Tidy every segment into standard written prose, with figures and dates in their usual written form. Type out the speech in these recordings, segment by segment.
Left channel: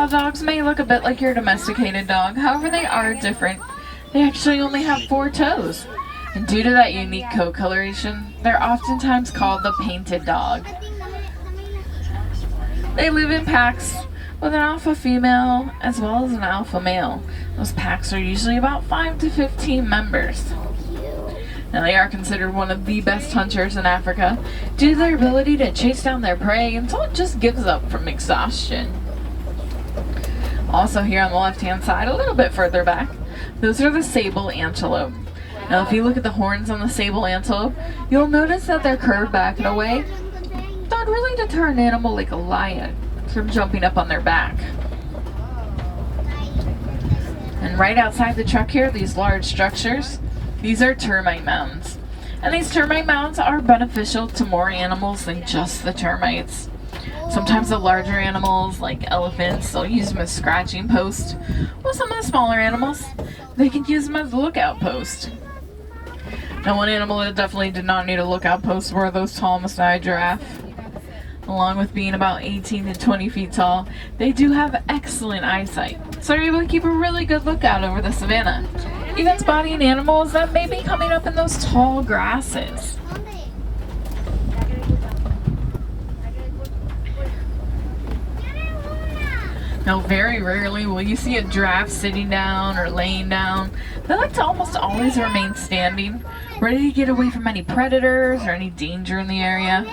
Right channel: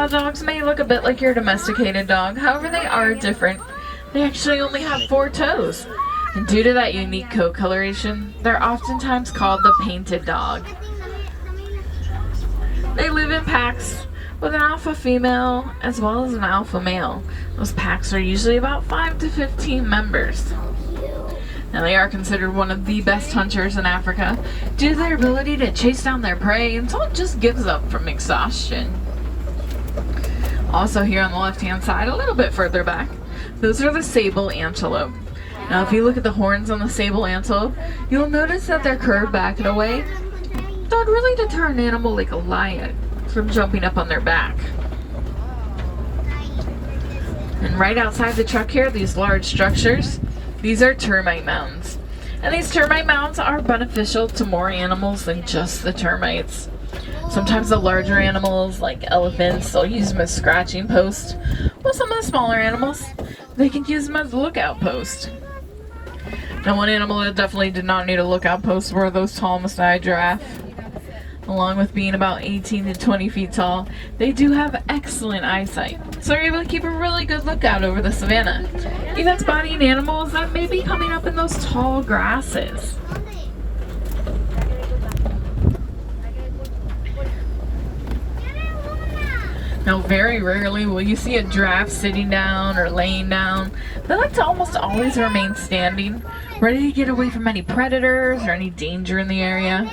Now, dogs may look a bit like your domesticated dog, however, they are different. They actually only have 4 toes. And due to that unique coat coloration, they're oftentimes called the painted dog. They live in packs with an alpha female as well as an alpha male. Those packs are usually about 5 to 15 members. Now, they are considered one of the best hunters in Africa due to their ability to chase down their prey until it just gives up from exhaustion. Also here on the left-hand side, a little bit further back, those are the sable antelope. Now, if you look at the horns on the sable antelope, you'll notice that they're curved back in a way that would really deter an animal like a lion from jumping up on their back. And right outside the truck here, these large structures, these are termite mounds. And these termite mounds are beneficial to more animals than just the termites. Sometimes the larger animals, like elephants, they'll use them as scratching posts. While some of the smaller animals, they can use them as a lookout post. Now, one animal that definitely did not need a lookout post were those tall Maasai giraffe. Along with being about 18 to 20 feet tall, they do have excellent eyesight, so they're able to keep a really good lookout over the savannah, even spotting animals that may be coming up in those tall grasses. Now, very rarely will you see a giraffe sitting down or laying down. They like to almost always remain standing, ready to get away from any predators or any danger in the area.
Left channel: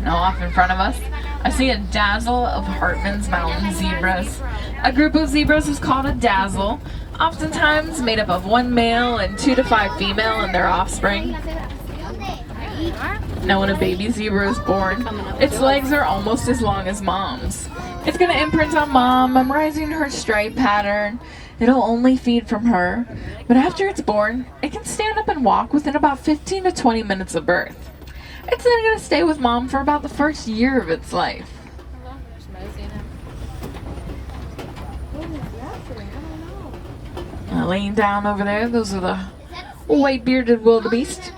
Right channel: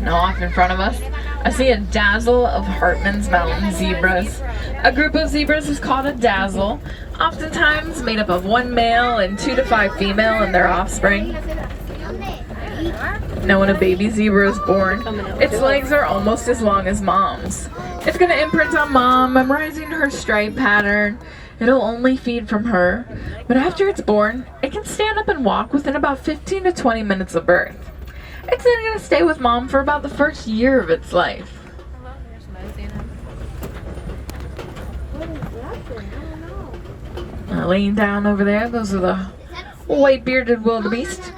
Now, off in front of us, I see a dazzle of Hartmann's Mountain zebras. A group of zebras is called a dazzle, oftentimes made up of 1 male and 2 to 5 female and their offspring. Now, when a baby zebra is born, its legs are almost as long as mom's. It's going to imprint on mom, memorizing her stripe pattern. It'll only feed from her, but after it's born, it can stand up and walk within about 15 to 20 minutes of birth. It's then going to stay with mom for about the first year of its life. Laying down over there, those are the white-bearded wildebeest.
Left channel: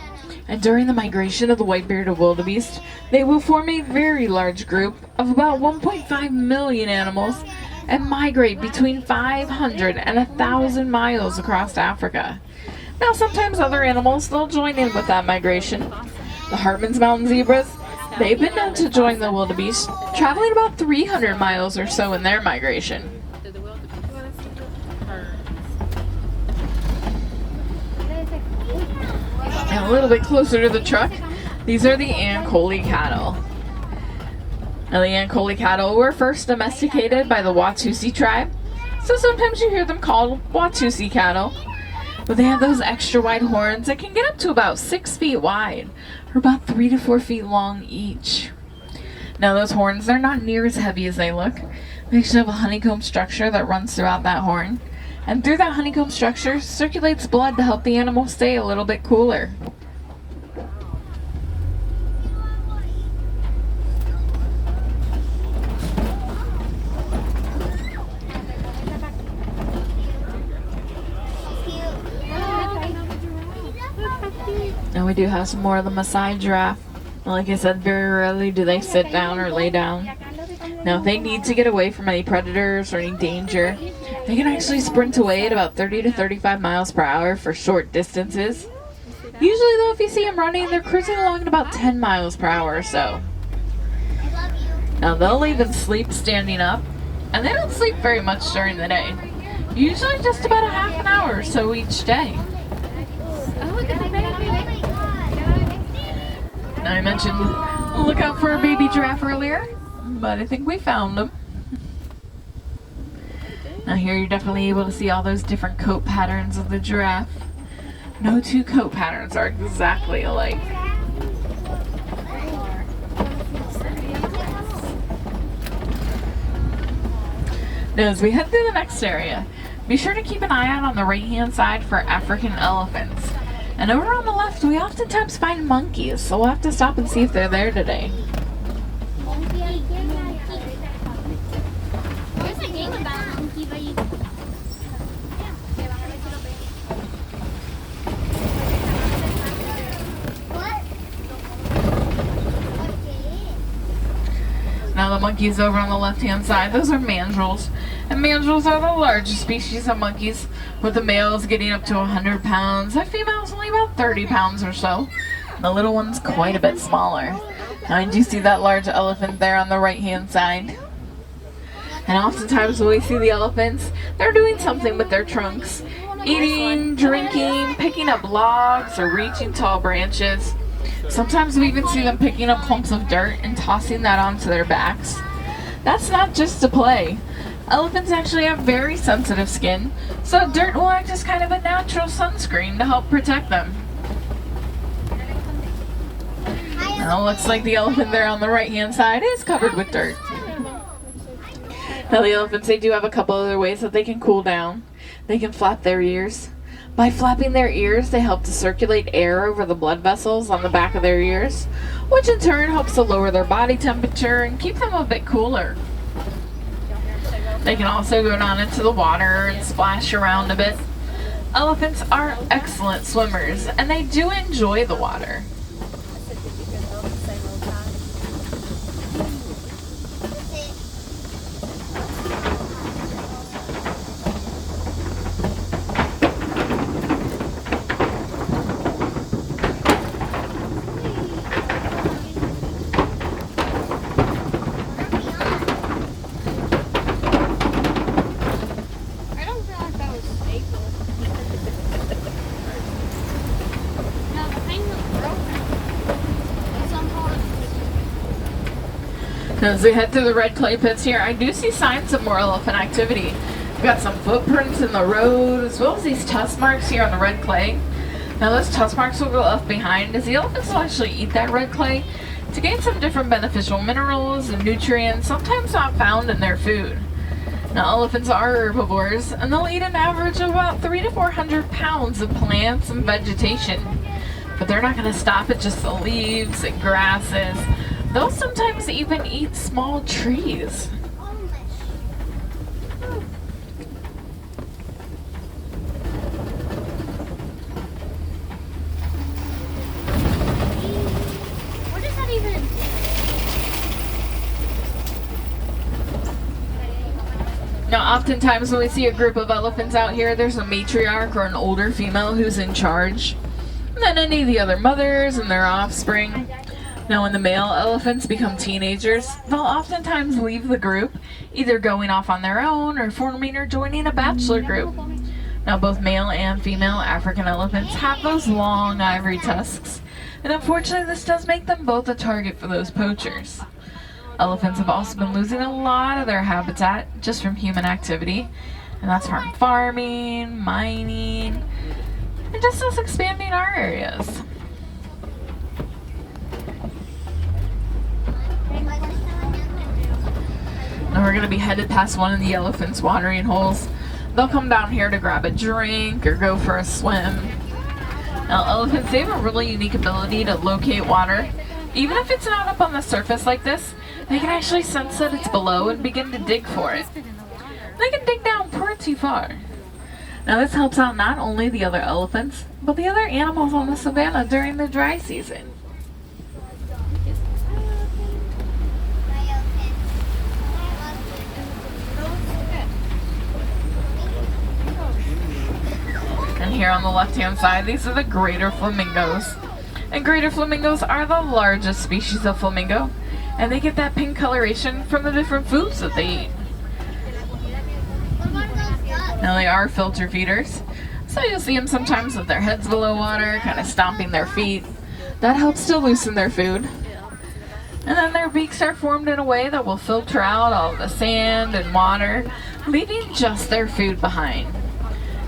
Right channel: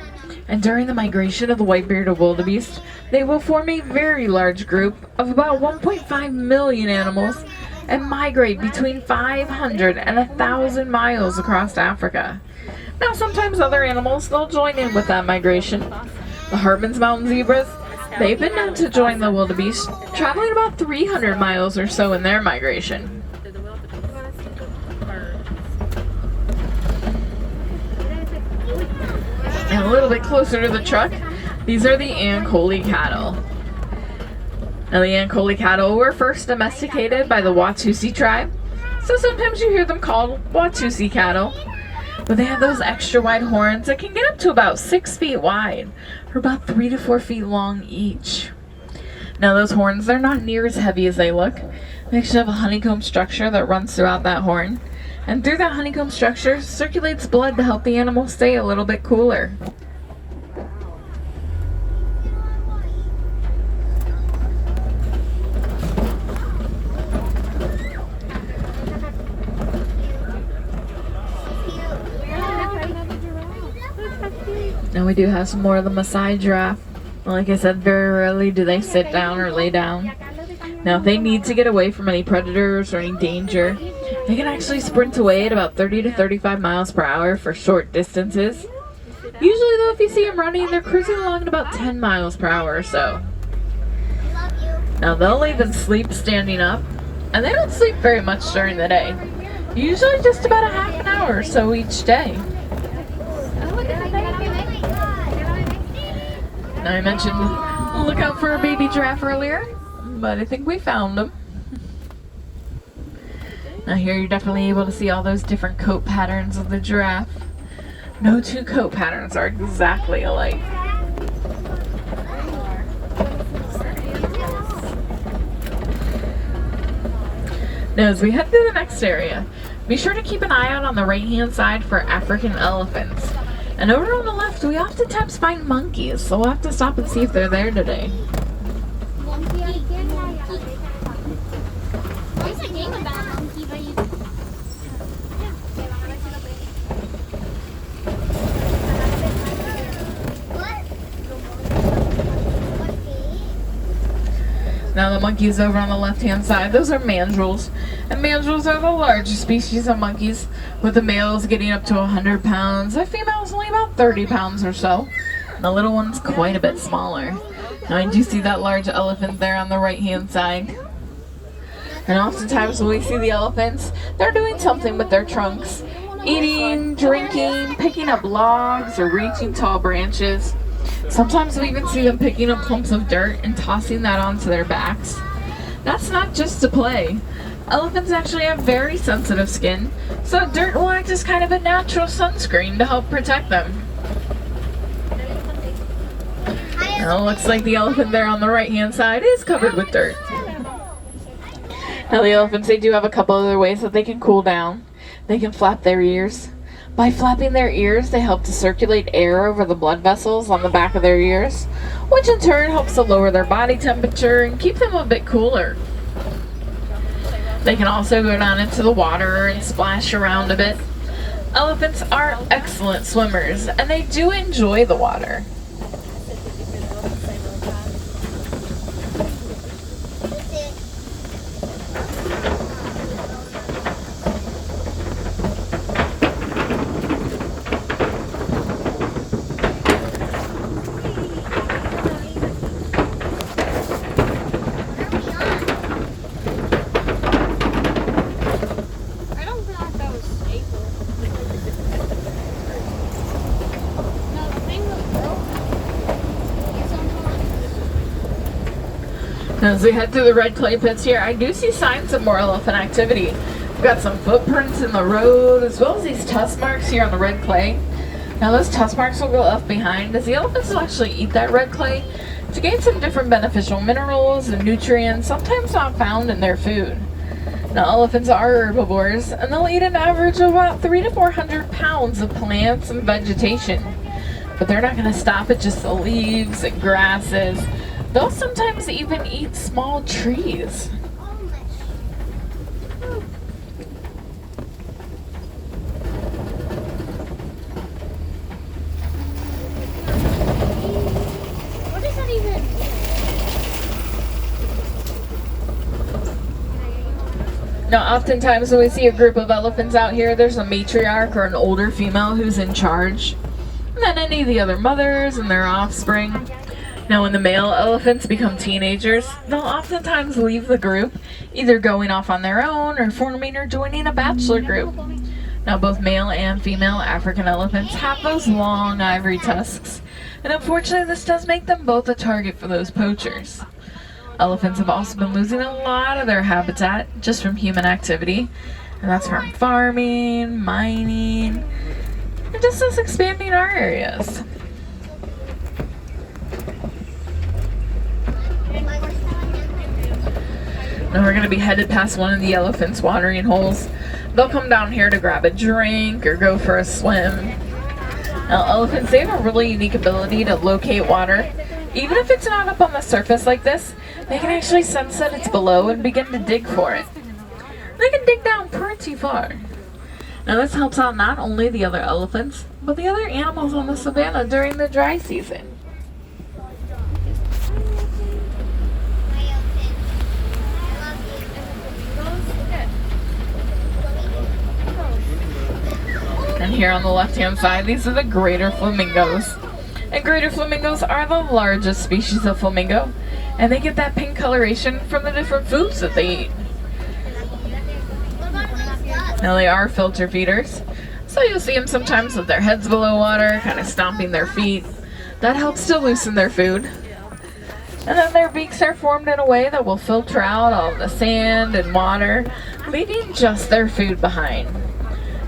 And during the migration of the white-bearded wildebeest, they will form a very large group of about 1.5 million animals and migrate between 500 and 1,000 miles across Africa. Now, sometimes other animals, they'll join in with that migration. The Hartmann's Mountain zebras, they've been known to join the wildebeest, traveling about 300 miles or so in their migration. And a little bit closer to the truck, these are the Ankole cattle. Now, the Ankole cattle were first domesticated by the Watusi tribe, so sometimes you hear them called Watusi cattle. But they have those extra wide horns that can get up to about 6 feet wide, or about 3 to 4 feet long each. Now, those horns, they're not near as heavy as they look. They actually have a honeycomb structure that runs throughout that horn. And through that honeycomb structure circulates blood to help the animal stay a little bit cooler. And we do have some more of the Maasai giraffe. Like I said, very rarely do they sit down or lay down. Now, if they need to get away from any predators or any danger, they can actually sprint away at about 30 to 35 miles per hour for short distances. Usually, though, if you see them running, they're cruising along at about 10 miles per hour or so. Now, they'll even sleep standing up, and they don't sleep very much during the day. Usually just about a half an hour or so each day. Oh, look at the baby. Now, I mentioned look out for a baby giraffe earlier, but I think we found them. Now, here you're definitely able to see all those different coat patterns of the giraffe. No 2 coat patterns are exactly alike. Now, as we head through the next area, be sure to keep an eye out on the right-hand side for African elephants. And over on the left, we oftentimes find monkeys, so we'll have to stop and see if they're there today. Now, the monkeys over on the left-hand side, those are mandrills. And mandrills are the largest species of monkeys, with the males getting up to 100 pounds. The females only about 30 pounds or so. And the little one's quite a bit smaller. Now I do see that large elephant there on the right-hand side. And oftentimes when we see the elephants, they're doing something with their trunks. Eating, drinking, picking up logs, or reaching tall branches. Sometimes we even see them picking up clumps of dirt and tossing that onto their backs. That's not just to play. Elephants actually have very sensitive skin, so dirt will act as kind of a natural sunscreen to help protect them. And it looks like the elephant there on the right-hand side is covered with dirt. Now the elephants, they do have a couple other ways that they can cool down. They can flap their ears. By flapping their ears, they help to circulate air over the blood vessels on the back of their ears, which in turn helps to lower their body temperature and keep them a bit cooler. They can also go down into the water and splash around a bit. Elephants are excellent swimmers, and they do enjoy the water. As we head through the red clay pits here, I do see signs of more elephant activity. We've got some footprints in the road, as well as these tusk marks here on the red clay. Now those tusk marks will go left behind, as the elephants will actually eat that red clay to gain some different beneficial minerals and nutrients, sometimes not found in their food. Now elephants are herbivores, and they'll eat an average of about 300 to 400 pounds of plants and vegetation. But they're not going to stop at just the leaves and grasses. They'll sometimes even eat small trees. What does that even mean? Now, oftentimes when we see a group of elephants out here, there's a matriarch or an older female who's in charge. And then any of the other mothers and their offspring. Now, when the male elephants become teenagers, they'll oftentimes leave the group, either going off on their own or forming or joining a bachelor group. Now, both male and female African elephants have those long ivory tusks, and unfortunately this does make them both a target for those poachers. Elephants have also been losing a lot of their habitat just from human activity, and that's from farming, mining, and just us expanding our areas. Now we're going to be headed past one of the elephants' watering holes. They'll come down here to grab a drink or go for a swim. Now elephants, they have a really unique ability to locate water. Even if it's not up on the surface like this, they can actually sense that it's below and begin to dig for it. They can dig down pretty far. Now this helps out not only the other elephants, but the other animals on the savannah during the dry season. And here on the left-hand side, these are the greater flamingos. And greater flamingos are the largest species of flamingo, and they get that pink coloration from the different foods that they eat. Now they are filter feeders, so you'll see them sometimes with their heads below water, kind of stomping their feet. That helps to loosen their food. And then their beaks are formed in a way that will filter out all the sand and water, leaving just their food behind.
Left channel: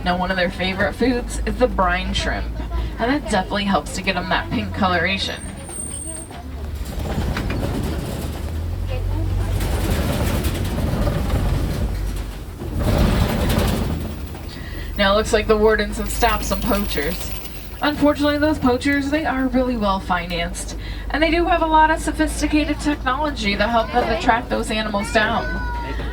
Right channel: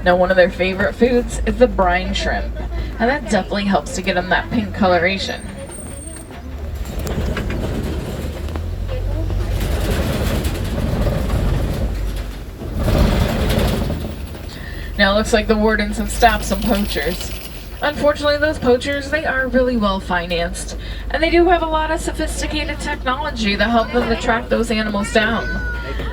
Now one of their favorite foods is the brine shrimp, and that definitely helps to get them that pink coloration. Now it looks like the wardens have stopped some poachers. Unfortunately, those poachers, they are really well financed, and they do have a lot of sophisticated technology to help them attract those animals down.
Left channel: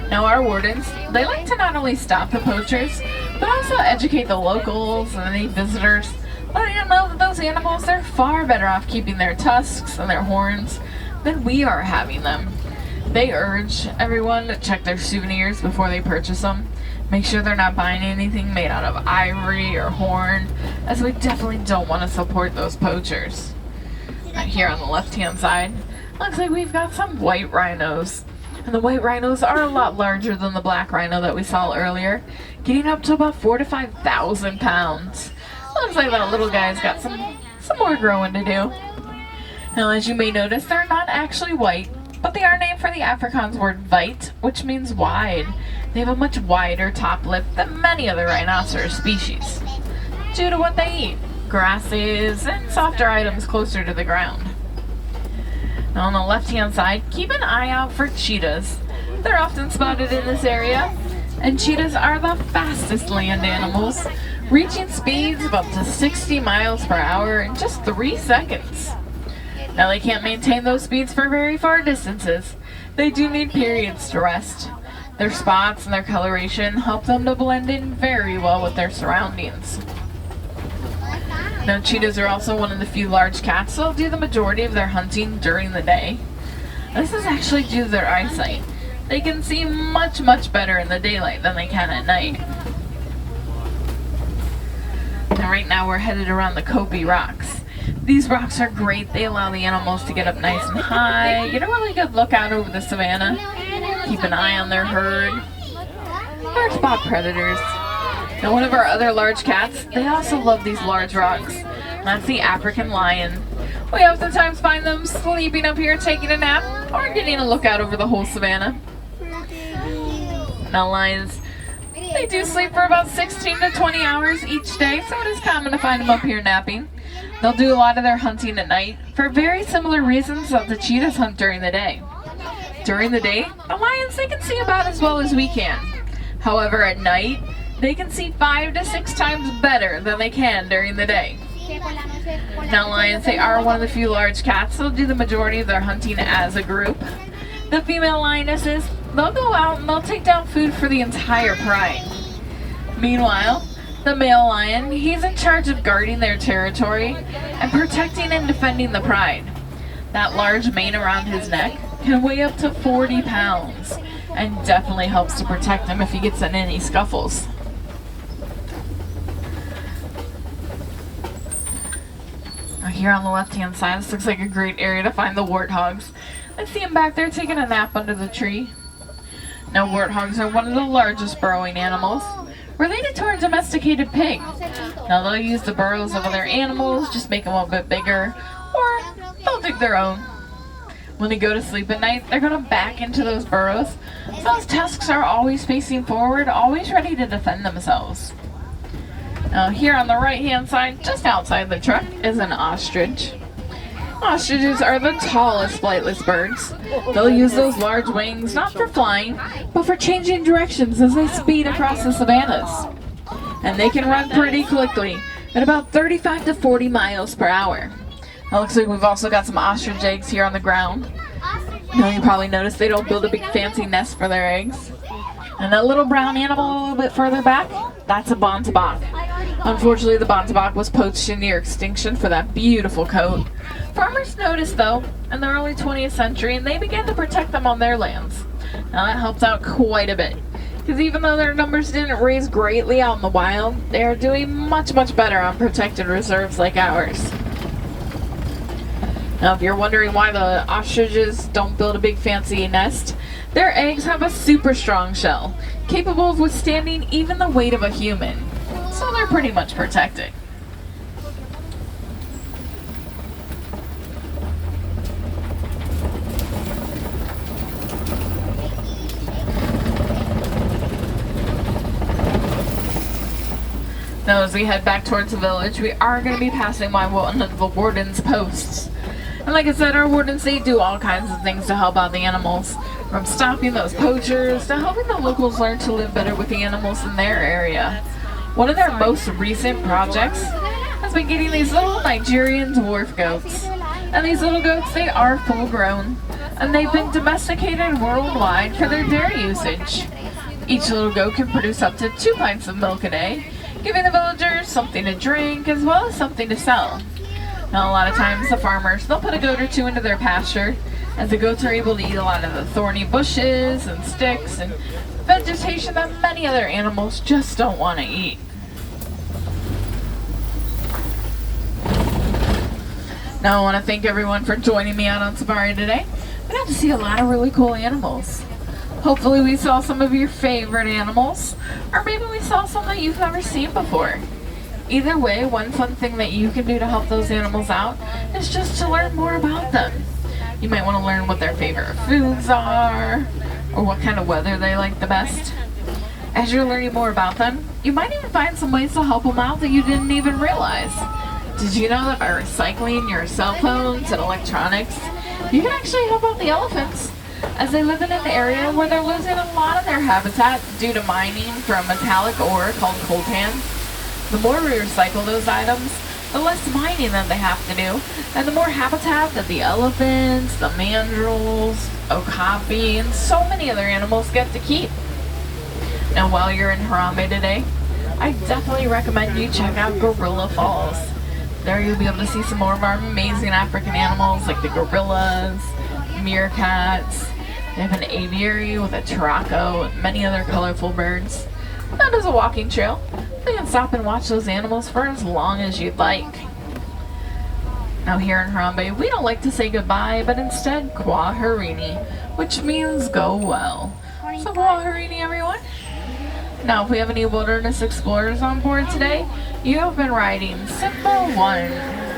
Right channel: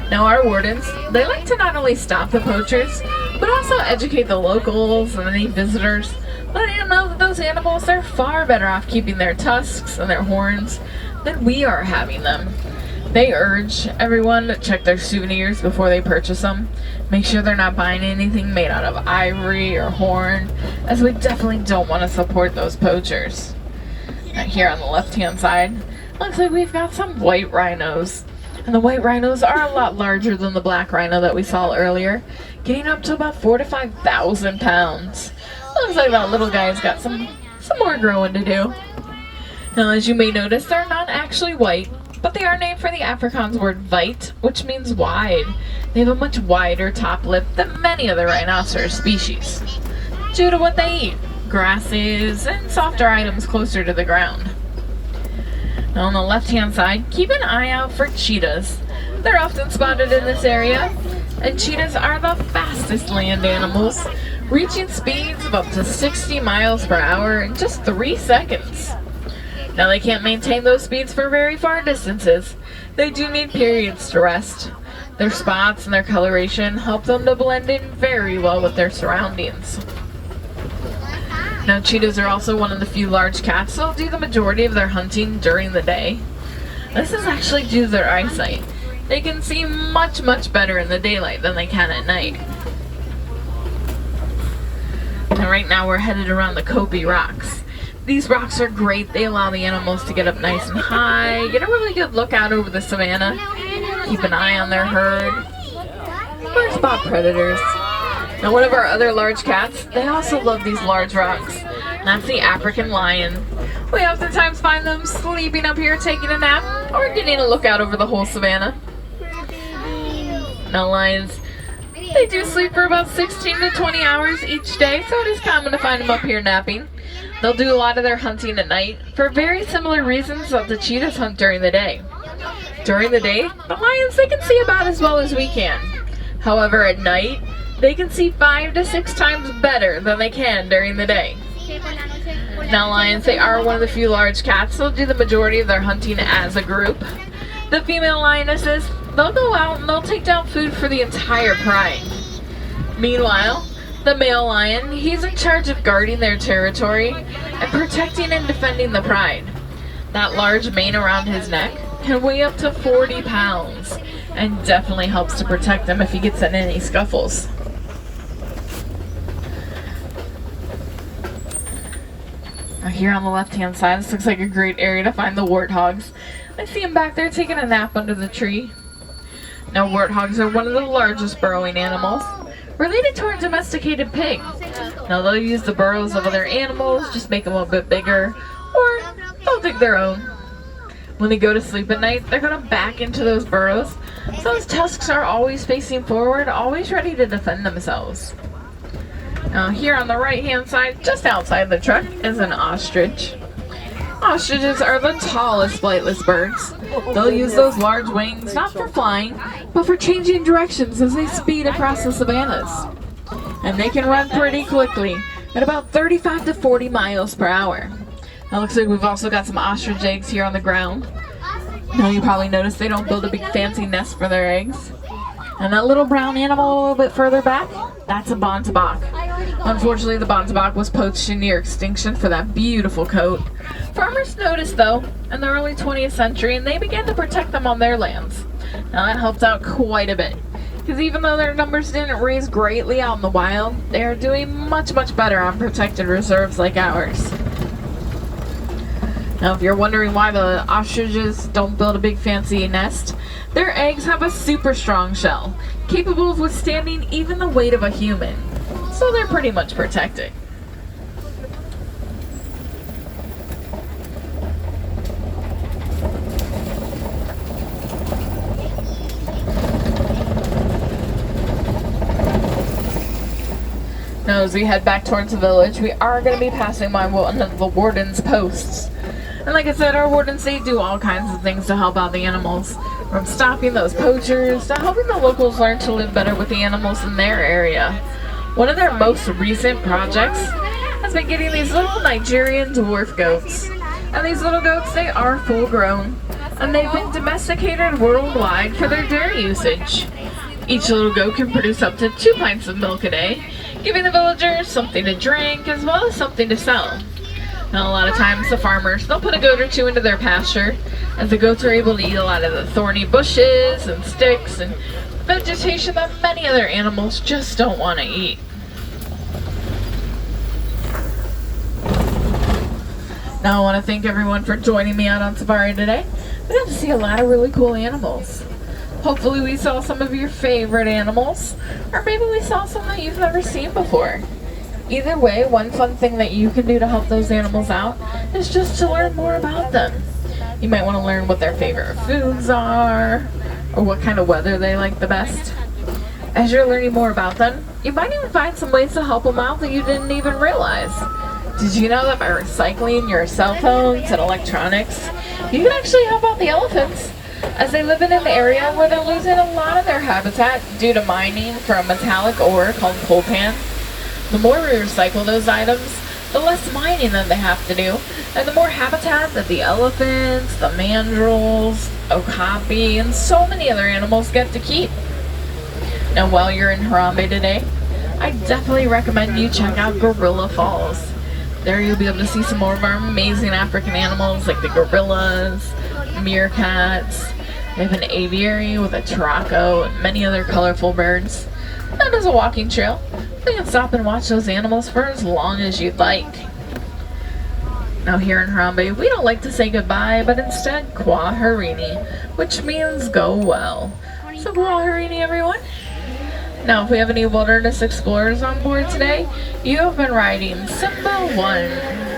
Now our wardens, they like to not only stop the poachers, but also educate the locals and any visitors, letting them know that those animals, they're far better off keeping their tusks and their horns than we are having them. They urge everyone to check their souvenirs before they purchase them. Make sure they're not buying anything made out of ivory or horn, as we definitely don't want to support those poachers. Now here on the left-hand side, looks like we've got some white rhinos. And the white rhinos are a lot larger than the black rhino that we saw earlier, getting up to about 4,000 to 5,000 pounds. Looks like that little guy's got some more growing to do. Now, as you may notice, they're not actually white, but they are named for the Afrikaans word "weit," which means wide. They have a much wider top lip than many other rhinoceros species, due to what they eat: grasses and softer items closer to the ground. Now on the left-hand side, keep an eye out for cheetahs. They're often spotted in this area, and cheetahs are the fastest land animals, reaching speeds of up to 60 miles per hour in just 3 seconds. Now they can't maintain those speeds for very far distances. They do need periods to rest. Their spots and their coloration help them to blend in very well with their surroundings. Now cheetahs are also one of the few large cats that'll do the majority of their hunting during the day. This is actually due to their eyesight. They can see much better in the daylight than they can at night. And right now we're headed around the Kobe Rocks. These rocks are great. They allow the animals to get up nice and high, get a really good look out over the savannah, keep an eye on their herd, or spot predators. Now one of our other large cats, they also love these large rocks. That's the African lion. We oftentimes find them sleeping up here taking a nap or getting a look out over the whole savannah. Now lions, they do sleep for about 16 to 20 hours each day, so it is common to find them up here napping. They'll do a lot of their hunting at night for very similar reasons that the cheetahs hunt during the day. During the day, the lions, they can see about as well as we can. However, at night, they can see 5 to 6 times better than they can during the day. Now lions, they are one of the few large cats that'll do the majority of their hunting as a group. The female lionesses, they'll go out and they'll take down food for the entire pride. Meanwhile, the male lion, he's in charge of guarding their territory and protecting and defending the pride. That large mane around his neck can weigh up to 40 pounds and definitely helps to protect him if he gets in any scuffles. Now here on the left-hand side, this looks like a great area to find the warthogs. I see him back there taking a nap under the tree. Now warthogs are one of the largest burrowing animals, related to our domesticated pig. Now they'll use the burrows of other animals, just make them a bit bigger, or they'll dig their own. When they go to sleep at night, they're going to back into those burrows, so those tusks are always facing forward, always ready to defend themselves. Now here on the right hand side, just outside the truck, is an ostrich. Ostriches are the tallest flightless birds. They'll use those large wings not for flying, but for changing directions as they speed across the savannas. And they can run pretty quickly, at about 35 to 40 miles per hour. Now looks like we've also got some ostrich eggs here on the ground. Now you probably noticed they don't build a big fancy nest for their eggs. And that little brown animal a little bit further back, that's a bontebok. Unfortunately, the bontebok was poached in near extinction for that beautiful coat. Farmers noticed though, in the early 20th century, and they began to protect them on their lands. Now that helped out quite a bit, because even though their numbers didn't raise greatly out in the wild, they are doing much better on protected reserves like ours. Now if you're wondering why the ostriches don't build a big fancy nest, their eggs have a super strong shell, capable of withstanding even the weight of a human. So they're pretty much protected. Now as we head back towards the village, we are going to be passing by one of the warden's posts. And like I said, our wardens, they do all kinds of things to help out the animals. From stopping those poachers to helping the locals learn to live better with the animals in their area. One of their most recent projects has been getting these little Nigerian dwarf goats. And these little goats, they are full grown. And they've been domesticated worldwide for their dairy usage. Each little goat can produce up to 2 pints of milk a day, giving the villagers something to drink as well as something to sell. Now a lot of times the farmers, they'll put a goat or two into their pasture, as the goats are able to eat a lot of the thorny bushes and sticks and vegetation that many other animals just don't want to eat. Now I want to thank everyone for joining me out on safari today. We got to see a lot of really cool animals. Hopefully we saw some of your favorite animals, or maybe we saw some that you've never seen before. Either way, one fun thing that you can do to help those animals out is just to learn more about them. You might want to learn what their favorite foods are, or what kind of weather they like the best. As you're learning more about them, you might even find some ways to help them out that you didn't even realize. Did you know that by recycling your cell phones and electronics, you can actually help out the elephants, as they live in an area where they're losing a lot of their habitat due to mining from metallic ore called coltan? The more we recycle those items, the less mining that they have to do, and the more habitat that the elephants, the mandrills, okapi, and so many other animals get to keep. Now while you're in Harambe today, I definitely recommend you check out Gorilla Falls. There you'll be able to see some more of our amazing African animals like the gorillas, meerkats. We have an aviary with a turaco and many other colorful birds. That is a walking trail. You can stop and watch those animals for as long as you'd like. Now here in Harambe, we don't like to say goodbye, but instead Kwaherini, which means go well. So Kwaherini, everyone. Now if we have any wilderness explorers on board today, you have been riding Simba 1.